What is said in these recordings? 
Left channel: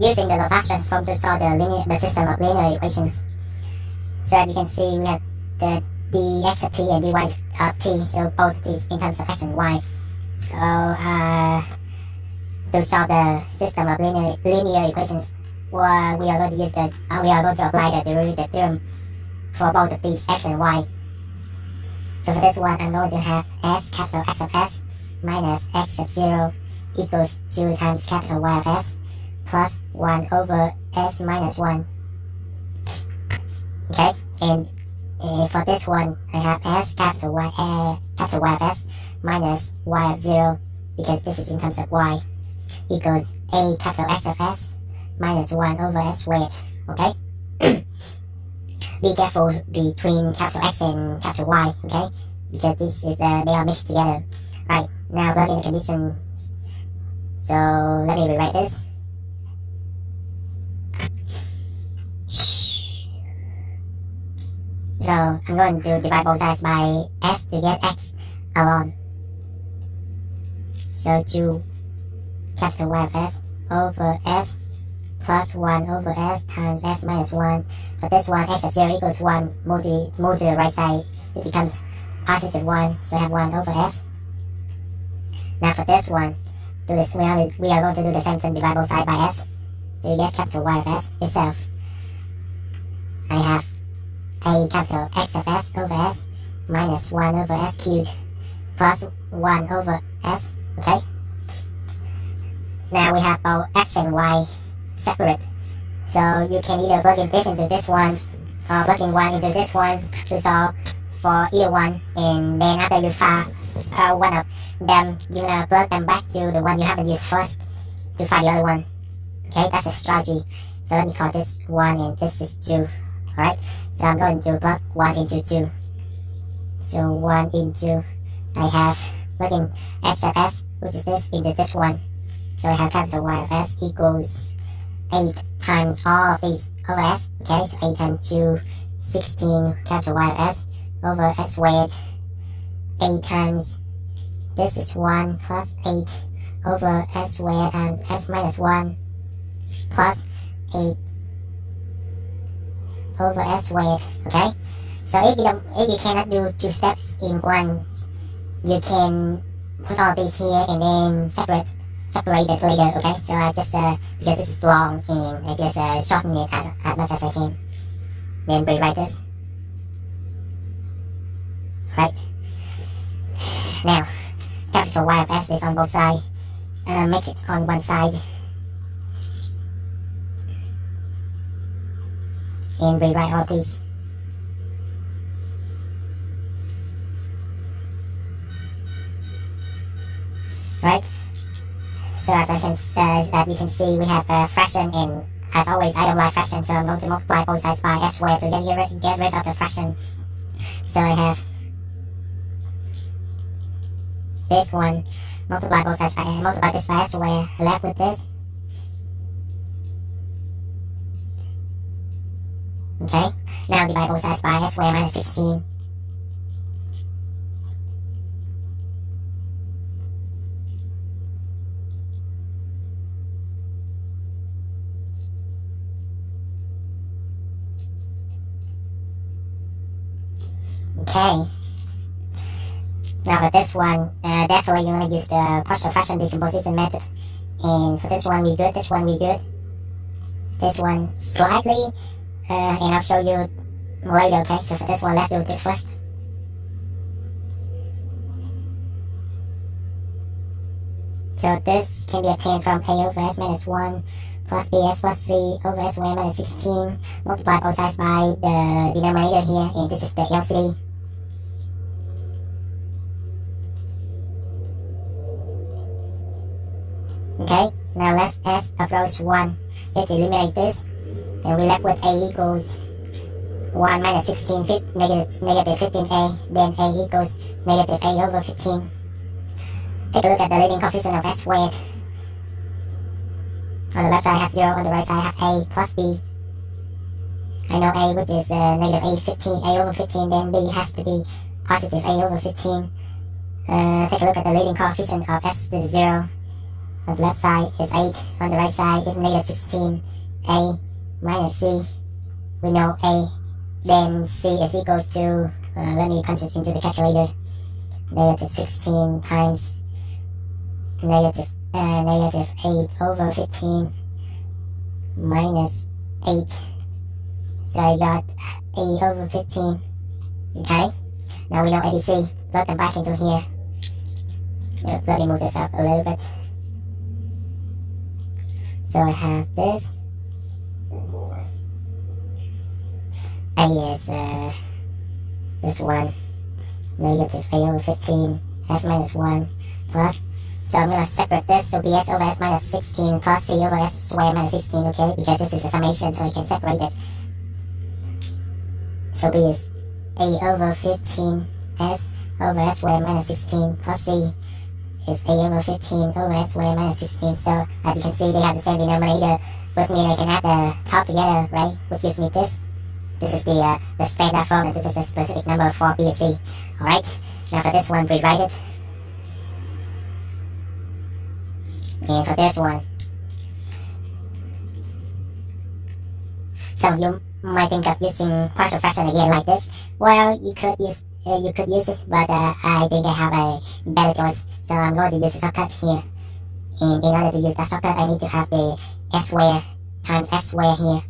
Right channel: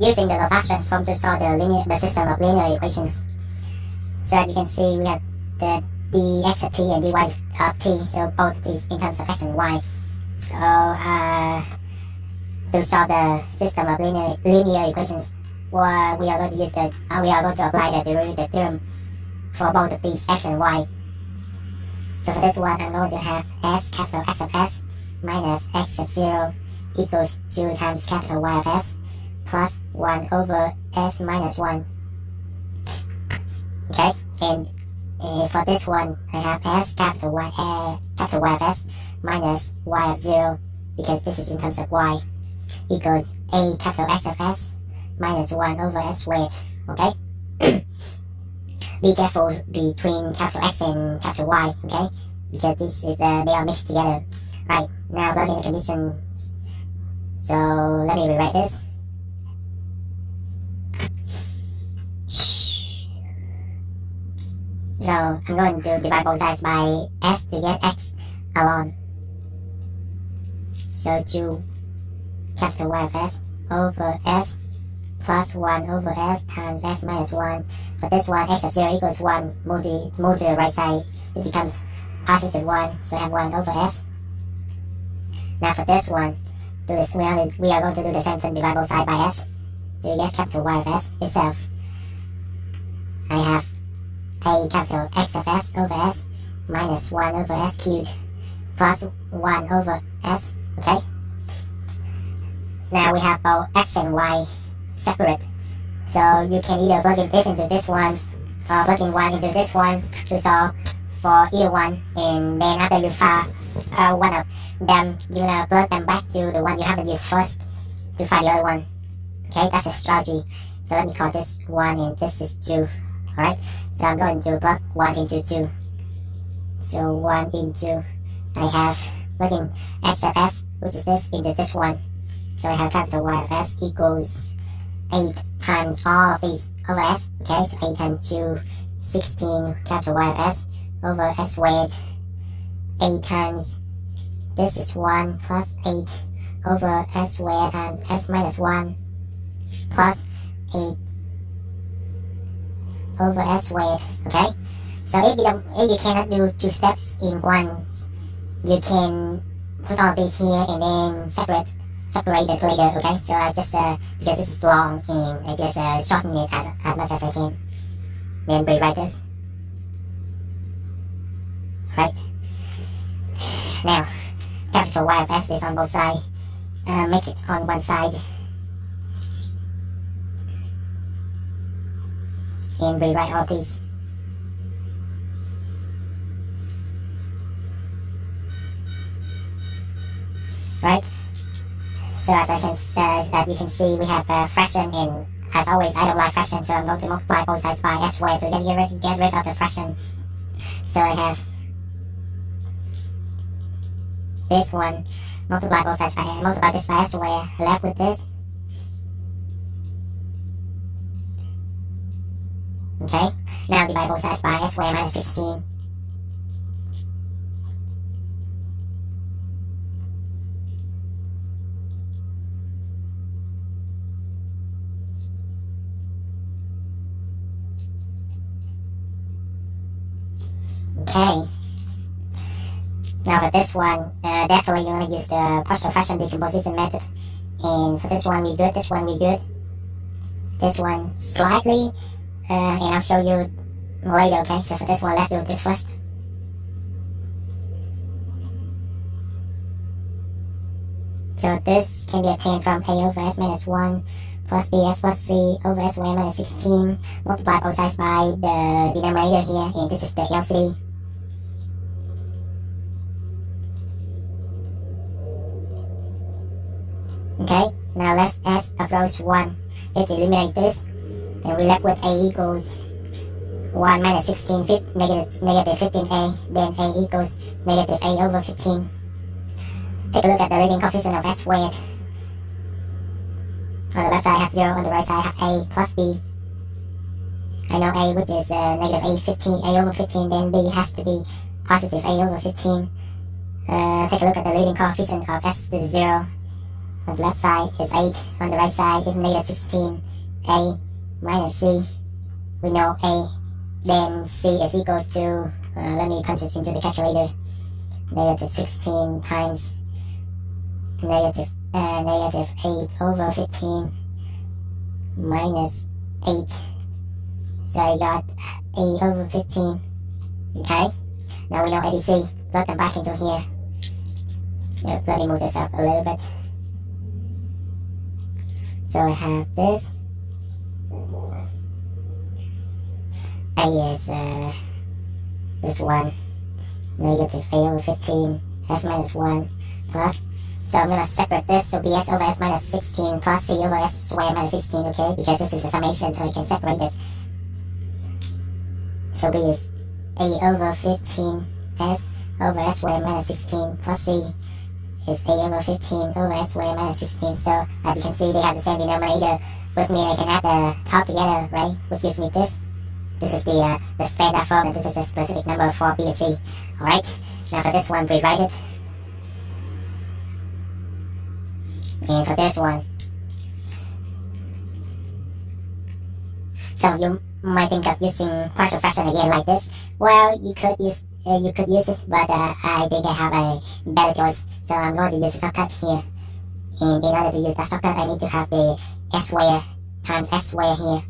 using the Laplace transform to solve the system of linear equations. So as you can see, we have the dx of t and dy of t, so both of these in terms of x and y. So to solve the system of linear equations, we are going to use we are going to apply the derivative theorem for both of these x and y. So for this one, I'm going to have s capital X of s minus x sub 0 equals 2 times capital Y of s plus 1 over s minus 1. Okay, and for this one, I have s capital Y of s minus y of 0, because this is in terms of y, equals a capital X of s minus 1 over s squared. Okay. Be careful between capital X and capital Y, okay? Because this is they are mixed together. Right, now plug in the conditions. So let me rewrite this. So I'm going to divide both sides by s to get x alone. So 2 capital Y of s over s plus 1 over s times s minus 1. For this one, x of 0 equals 1. Move to the right side, it becomes positive 1. So I have 1 over s. Now for this one, we are going to do the same thing, divide both sides by s to get capital Y of s itself. I have a capital X of s over s minus 1 over s cubed plus 1 over s. Okay. Now we have both x and y separate, so you can either plug in this into this one or plug in one into this one to solve for either one, and then after you find one of them, you're gonna plug them back to the one you haven't used first to find the other one. Okay, that's a strategy. So let me call this 1 and this is 2. Alright, so I'm going to plug 1 into 2. So 1 into, I have plug in x of s, which is this, into this one. So I have capital Y of s equals 8 times all of these over s. Okay, so 8 times 2, 16 capital Y of s over s squared. 8 times, this is 1 plus 8 over s squared times s minus 1 plus 8 over s squared. Okay, so if you cannot do 2 steps in one, you can put all these here and then separate it later. Okay, so I just because this is long, and I just shorten it as much as I can, then rewrite this. Right, now capital Y of s is on both sides. Make it on one side and rewrite all these. Right, so as you can see, we have a fraction, and as always I don't like fraction, so I'm going to multiply both sides by s squared to get rid of the fraction. So I have this one, multiply this by s squared, left with this. Okay, now divide both sides by s squared minus 16. Okay, now for this one, definitely you want to use the partial fraction decomposition method. And for this one we good, this one we good, this one slightly, and I'll show you later. Okay, so for this one, let's do this first. So this can be obtained from a over s minus 1 plus bs plus c over s squared minus 16. Multiply both sides by the denominator here, and this is the LCD. Okay, now let's s approach 1. Let's eliminate this, and we left with a equals 1 minus 16, negative 15a, then a equals negative a over 15. Take a look at the leading coefficient of s squared. On the left side I have 0, on the right side I have a plus b. I know a, which is negative a over 15, then b has to be positive a over 15. Take a look at the leading coefficient of s to the 0. On the left side is 8. On the right side is negative 16. A minus C. We know A. Then C is equal to, let me punch it into the calculator. Negative 16 times negative 8 over 15 minus 8. So I got A over 15. Okay. Now we know ABC. Plug them back into here. Let me move this up a little bit. So I have this. A is this one. Negative A over 15. S minus 1 plus. So I'm going to separate this. So BS over S minus 16 plus C over S squared minus 16. Okay. Because this is a summation, so I can separate it. So B is A over 15 S over S squared minus 16 plus C is A over 15 over S squared minus 16. So as you can see, they have the same denominator, which means I can add the top together, right? Which gives me this. This is the standard form, and this is a specific number for B and C. Alright, now for this one, rewrite it. And for this one, so you might think of using partial fraction again like this. Well, you could use it, but I think I have a better choice. So I'm going to use a shortcut here. And in order to use that shortcut, I need to have the S square times S square here.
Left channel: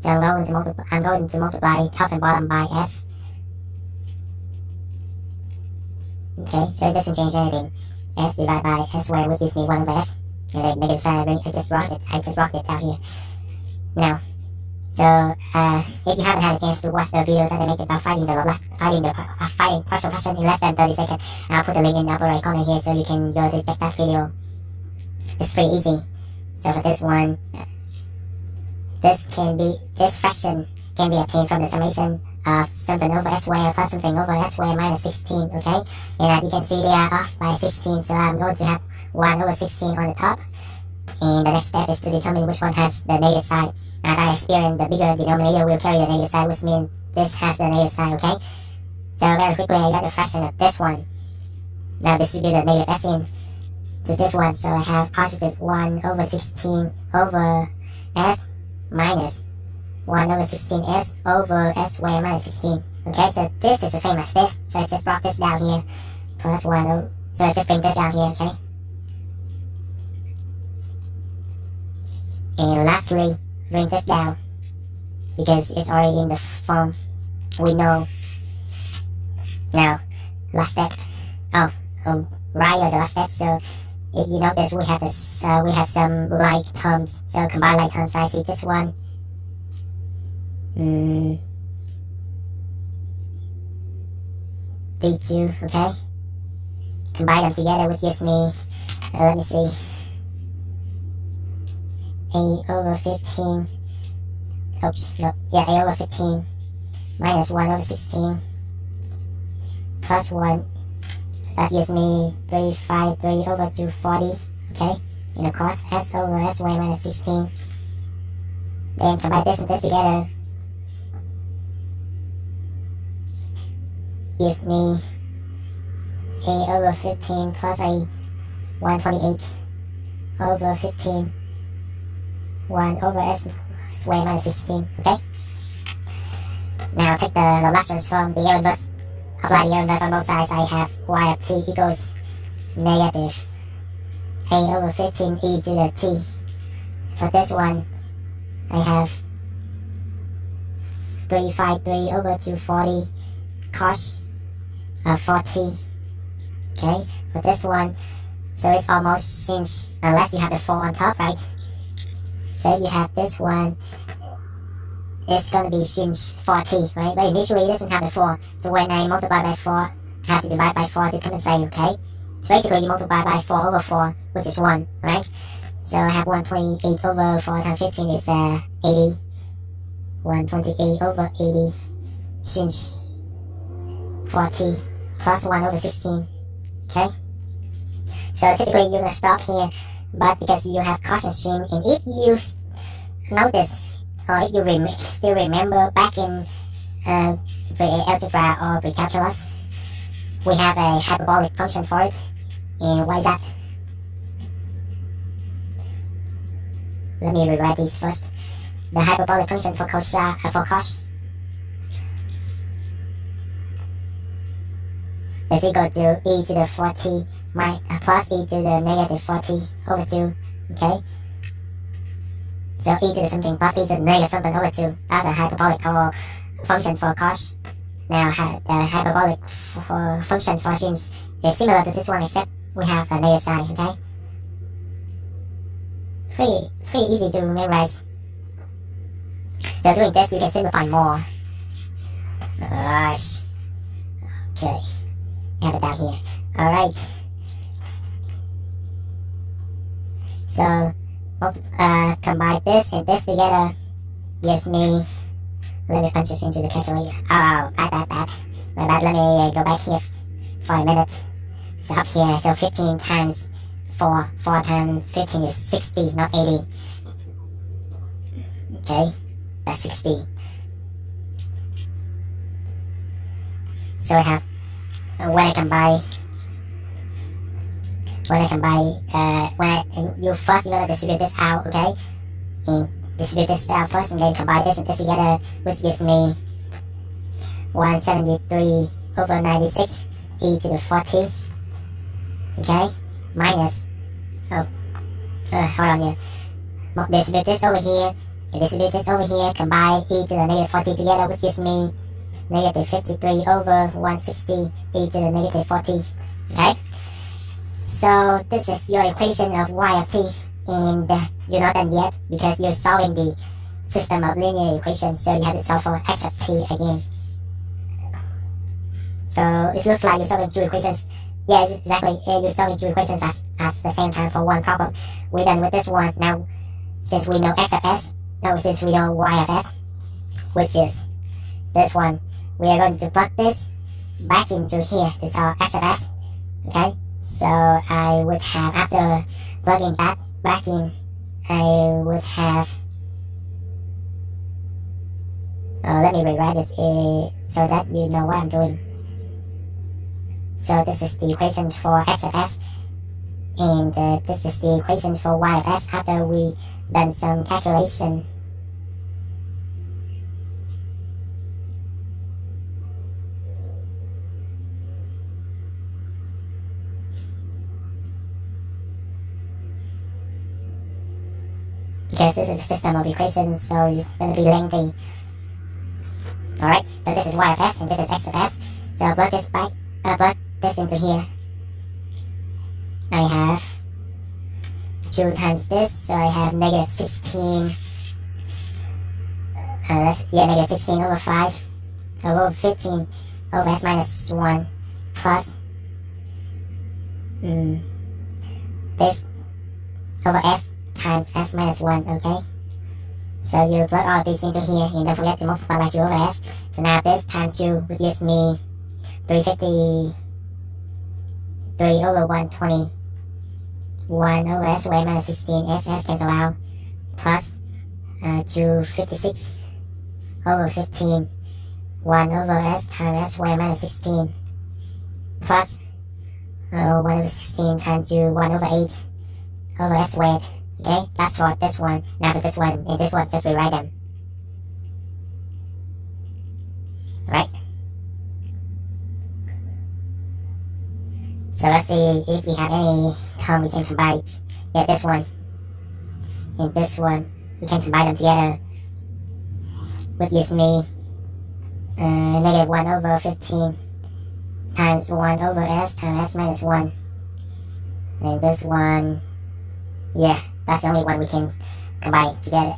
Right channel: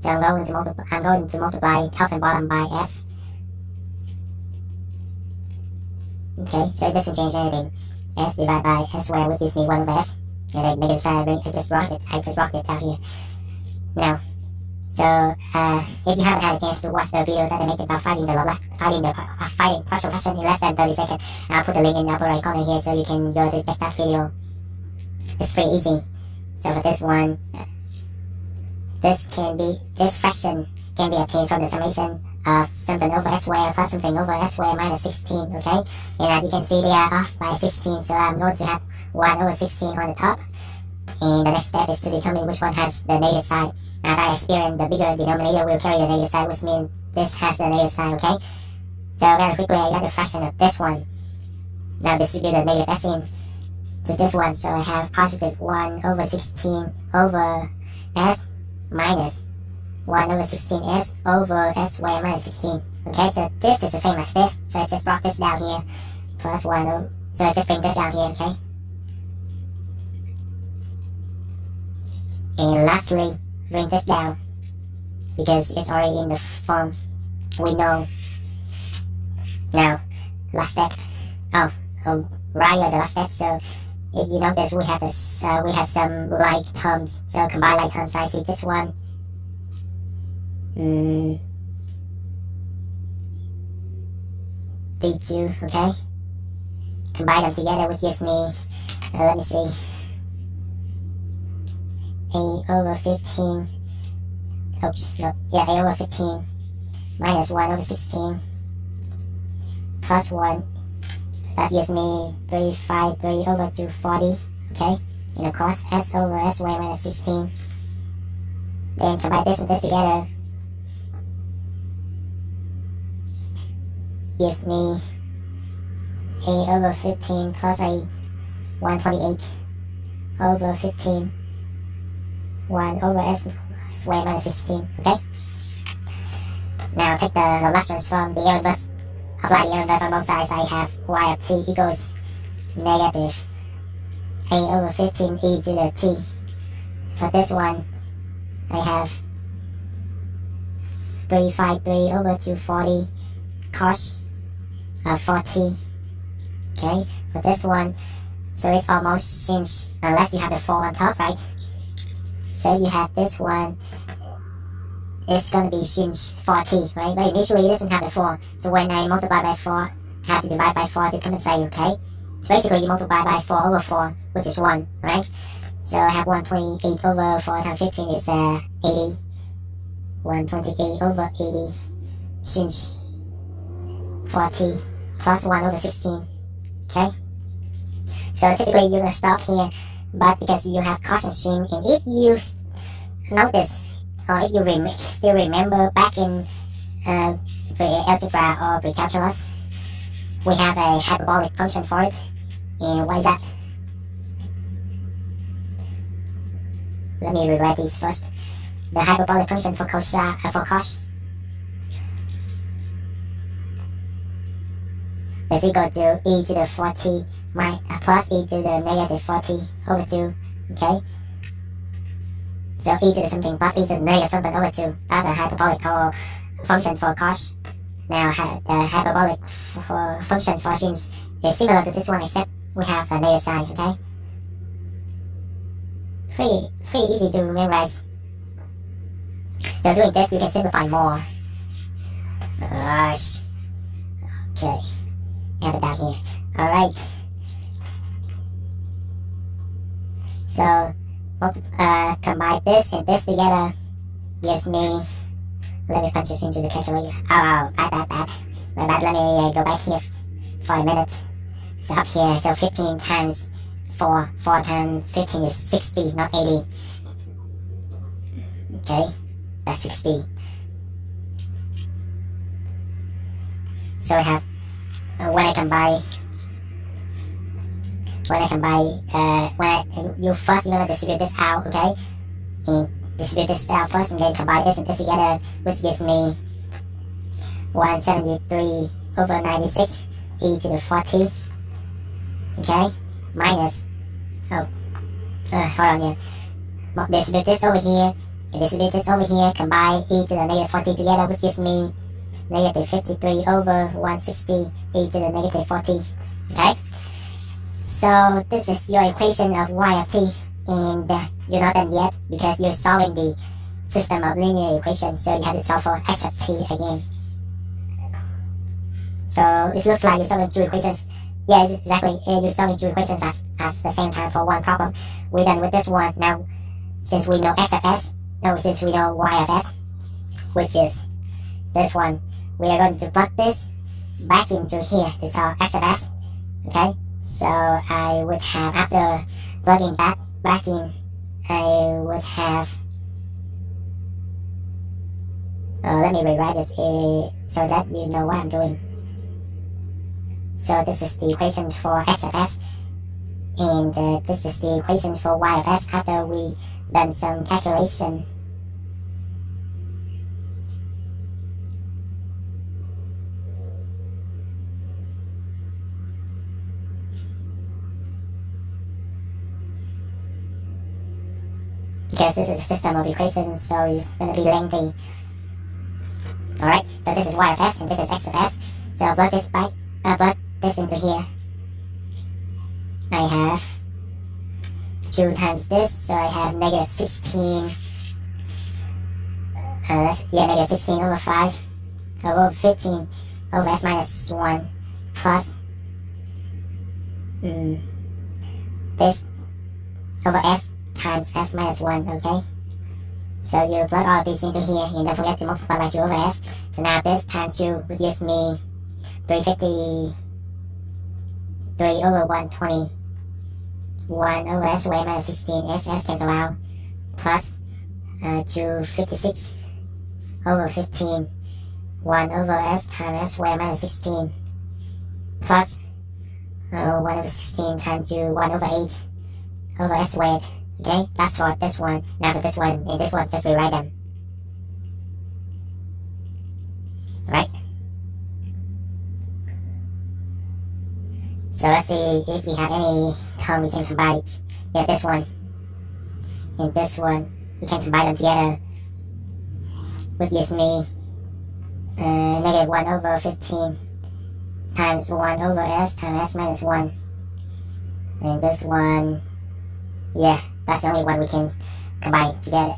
So I'm going to multiply top and bottom by S. Okay, so it doesn't change anything. S divided by S square, which gives me 1 over S. And then negative sign, I just brought it down here. Now, so if you haven't had a chance to watch the video that I made about finding partial fraction in less than 30 seconds, I'll put the link in the upper right corner here, so you can go to check that video. It's pretty easy. So for this one, this fraction can be obtained from the summation of something over S squared plus something over S squared minus 16. Okay, and you can see they are off by 16. So I'm going to have 1 over 16 on the top. And the next step is to determine which one has the negative side. As I experienced, the bigger denominator will carry the negative side, which means this has the negative side, okay? So very quickly, I got the fraction of this one. Now distribute the negative s in to this one. So I have positive 1 over 16 over s minus 1 over 16s over s squared minus 16. Okay, so this is the same as this. So I just brought this down here. Plus 1 over, so I just bring this down here, okay? And lastly, bring this down, because it's already in the form we know. Now, last step. Right at the last step. So if you notice, we have this. We have some like terms. So combine like terms. I see this one. These two, okay. Combine them together, which gives me. Let me see. A over 15, oops, no, yeah, A over 15 minus 1 over 16 plus 1, that gives me 353 over 240, okay, and of course, S over S squared minus 16, then combine this and this together, gives me A over 15 plus a 128 over 15, 1 over S squared minus 16, okay? Now take the Laplace transform, the error inverse, apply the error inverse on both sides. I have y of t equals negative A over 15 e to the t. For this one, I have 353 over 240 cos of 4t, okay? For this one, so it's almost changed, unless you have the 4 on top, right? So you have this one, it's going to be sin 4t, right? But initially it doesn't have the 4. So when I multiply by 4, I have to divide by 4 to compensate, okay? So basically you multiply by 4 over 4, which is 1, right? So I have 128 over 4 times 15 is 80. 128 over 80 sin 4t plus 1 over 16, okay? So typically you're going to stop here. But because you have cosine sin, and if you notice, or if you still remember back in pre-algebra or pre-calculus, we have a hyperbolic function for it. And what is that? let me rewrite these first. The hyperbolic function for cos is equal to e to the 40 plus e to the negative 40 over 2. Okay, so e to the something plus e to the negative something over 2. That's a hyperbolic function for cos. Now the hyperbolic function for sines is similar to this one, except we have a negative sign. Okay, pretty easy to memorize. So doing this, you can simplify more. Gosh. Okay, have it down here. All right. So combine this and this together gives me. Let me punch this into the calculator. Oh, bad. Let me go back here for a minute. So up here, so 15 times 4 times 15 is 60, not 80. Okay, that's 60. So I have, when you first you're gonna distribute this out, okay? And distribute this out first and then combine this and this together, which gives me 173 over 96 e to the 40. Okay, minus, hold on here. Distribute this over here and distribute this over here, combine e to the negative 40 together, which gives me negative 53 over 160 e to the negative 40. Okay, so this is your equation of y of t, and you're not done yet because you're solving the system of linear equations, so you have to solve for x of t again. So it looks like you're solving two equations. Yeah, exactly. You're solving two equations at the same time for one problem. We're done with this one. Now, since we know x of s, since we know y of s, which is this one, we are going to plug this back into here to solve x of s. Okay, so I would have, after plugging that back in, I would have, let me rewrite it so that you know what I'm doing. So this is the equation for x of s, and this is the equation for y of s after we done some calculation. Because this is a system of equations, so it's going to be lengthy. Alright, so this is y of s and this is x of s. So I'll plug this back, plug this into here. I have 2 times this, so I have negative 16. Negative 16 over 5 over 15 over s minus 1 plus this over s times s minus 1, okay? So you plug all of these into here and don't forget to multiply by 2 over s. So now this times 2 would give me 353 over 120. 1 over s squared minus 16, s cancel out, plus 256 over 15, 1 over s times s squared minus 16, plus 1 over 16 times 2, 1 over 8 over s squared. Okay, that's for this one. Now for this one, and this one, just rewrite them. Alright. So let's see if we have any term we can combine. Yeah, this one and this one, we can combine them together, which gives me negative 1 over 15 times 1 over s times s minus 1. And this one, yeah, that's the only one we can combine together.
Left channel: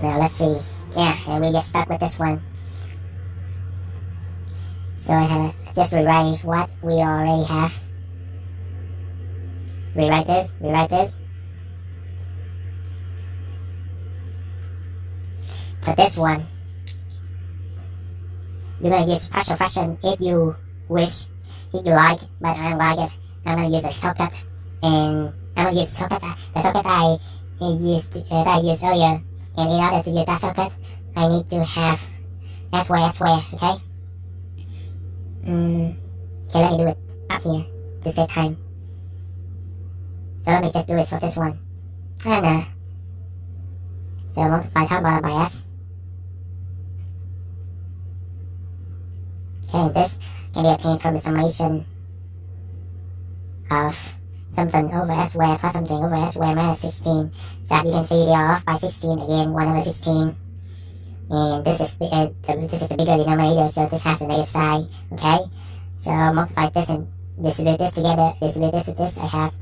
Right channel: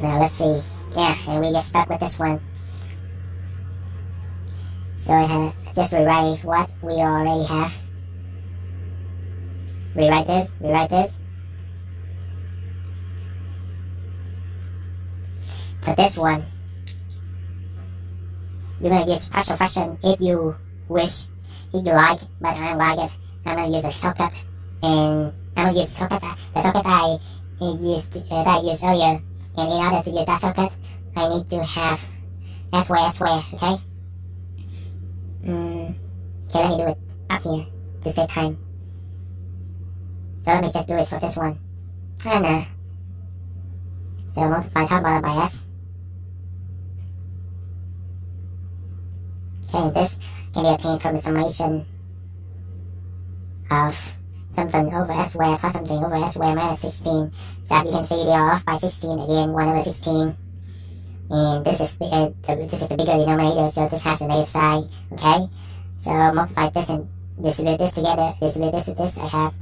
Now let's see. Yeah, and we get stuck with this one. So I have just rewrite what we already have. Rewrite this. For this one, you're gonna use partial fraction if you wish, if you like, but I don't like it. I'm gonna use a shortcut, and I'm gonna use the shortcut I used earlier. And in order to use that shortcut, I need to have s squared, okay? Okay, let me do it up here to save time. So let me just do it for this one. And so multiply top bottom by s. Okay, this can be obtained from the summation of something over s squared plus something over s squared minus 16. So as you can see, they are off by 16 again, 1 over 16. And this is the bigger denominator, so this has a negative side. Okay, so multiply this and distribute this together. Distribute this with this. I have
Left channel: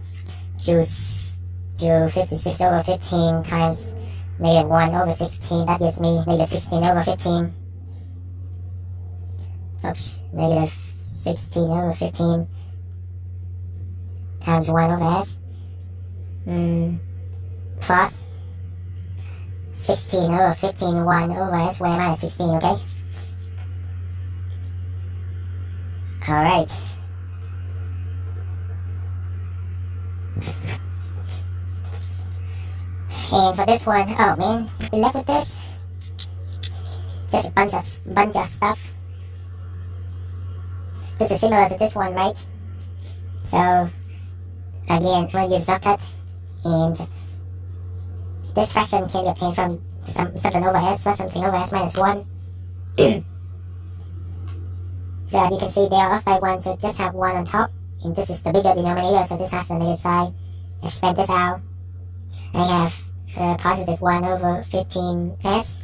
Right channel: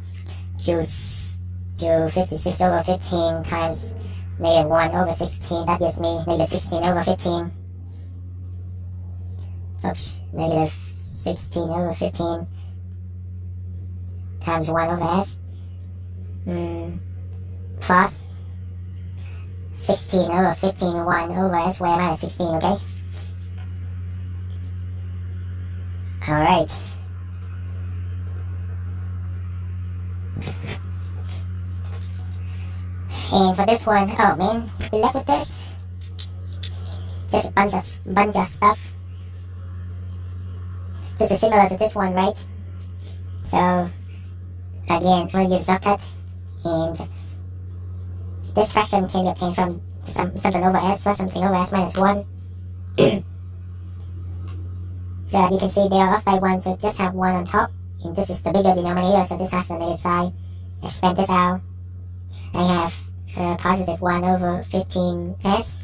56 over 15 times negative 1 over 16. That gives me negative 16 over 15. Oops, negative 16 over 15 times 1 over s plus 16 over 15, 1 over s squared minus 16, okay? Alright. And for this one, oh man, we left with this. Just a bunch of stuff. This is similar to this one, right? So again, I'm going to use subcut, and this fraction can be obtained from something over s plus something over s minus 1. So you can see they are off by 1, so just have 1 on top. And this is the bigger denominator, so this has the negative side. Expand this out. I have positive 1 over 15s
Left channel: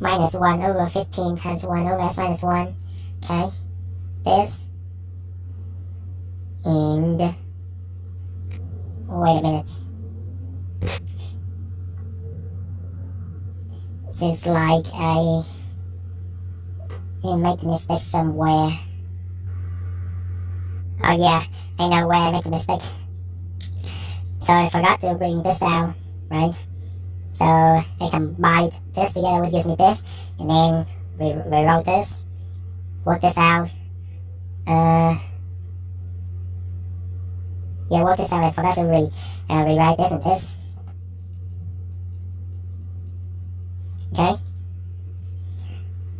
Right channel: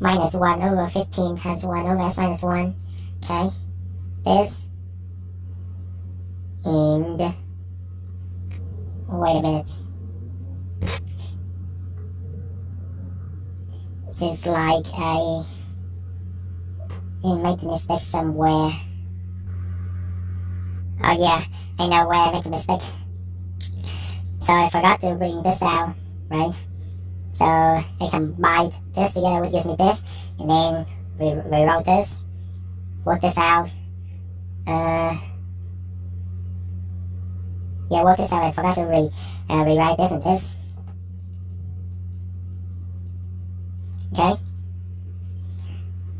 minus 1 over 15 times 1 over s minus 1. Okay, this. And wait a minute. Seems like I made a mistake somewhere. Oh yeah, I know where I made a mistake. So I forgot to bring this out, right? So I combined this together, which gives me this, and then rewrote this, work this out. Yeah, work this out. I forgot to rewrite this and this. Okay.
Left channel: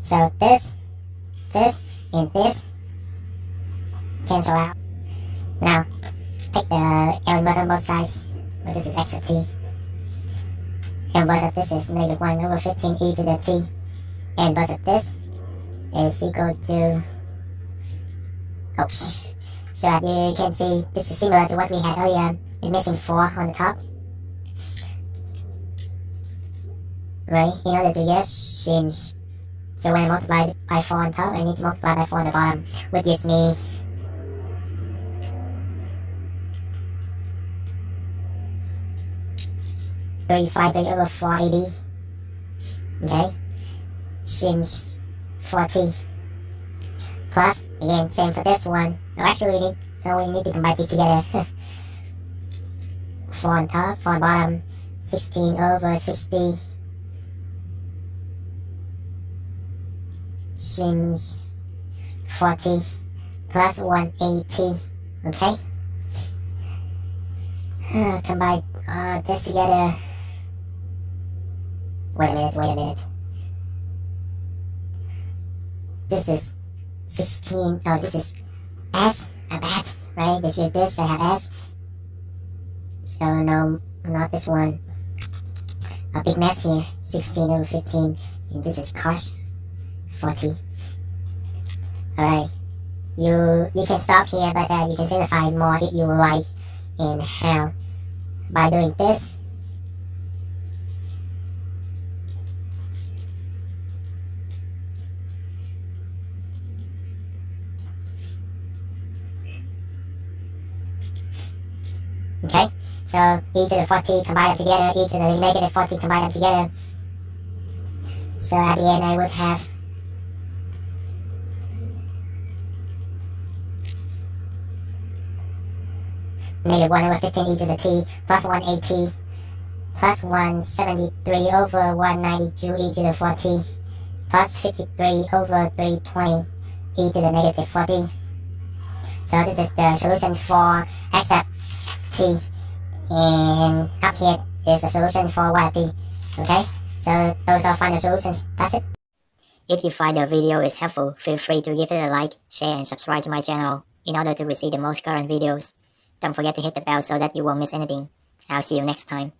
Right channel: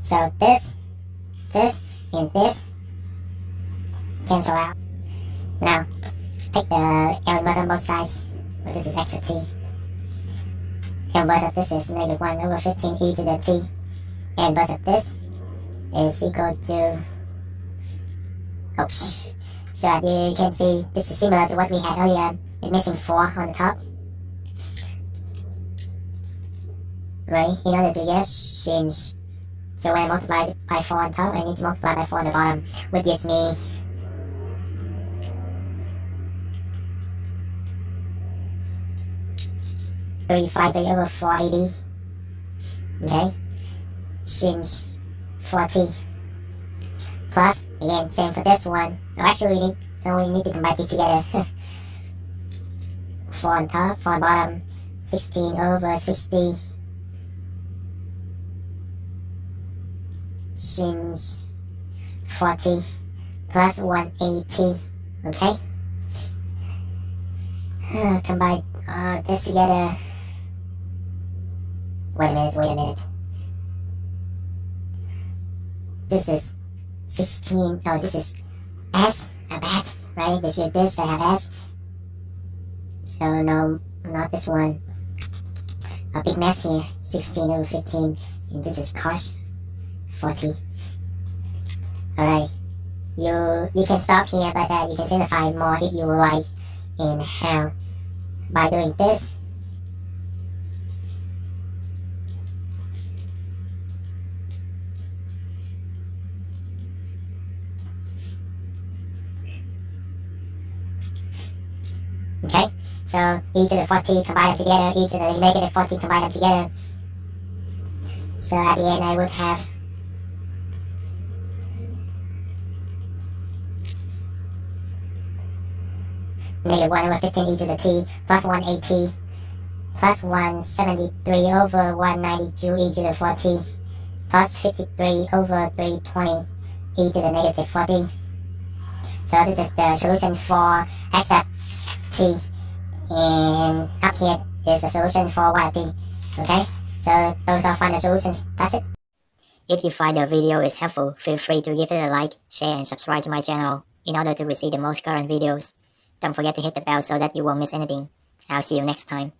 So this, and this cancel out. Now, take the inverse on both sides. Well, this is x of t. Inverse of this is negative 1 over 15 e to the t. Inverse of this is equal to... Oops. So as you can see, this is similar to what we had earlier. It's missing 4 on the top. Right? In order to get change. So when I multiply by 4 on top, I need to multiply by 4 on the bottom, which gives me 353 over 480. Okay? Change 40. Plus, again, same for this one. No, actually, we need to combine these together. 4 on top, 4 on bottom, 16 over 60. Change 40 plus 180. Okay? Combine this together. Wait a minute. This is 16. Oh, this is s. I bet, right? This with this, I have s. So no, not this one. A big mess here. 16 over 15, and this is cos 40. All right. You can stop here, but you can simplify more if you like. And how? By doing this. Okay, so e to the 40, combine them together, e to the negative 40, combine them together. So at the end I would have negative 1 over 15 e to the t plus 180 plus 173 over 192 e to the 40 plus 53 over 320 e to the negative 40. So this is the solution for x of t, and up here is the solution for y of t. Okay, so those are final solutions. That's it. If you find the video is helpful, feel free to give it a like, share, and subscribe to my channel in order to receive the most current videos. Don't forget to hit the bell so that you won't miss anything. I'll see you next time.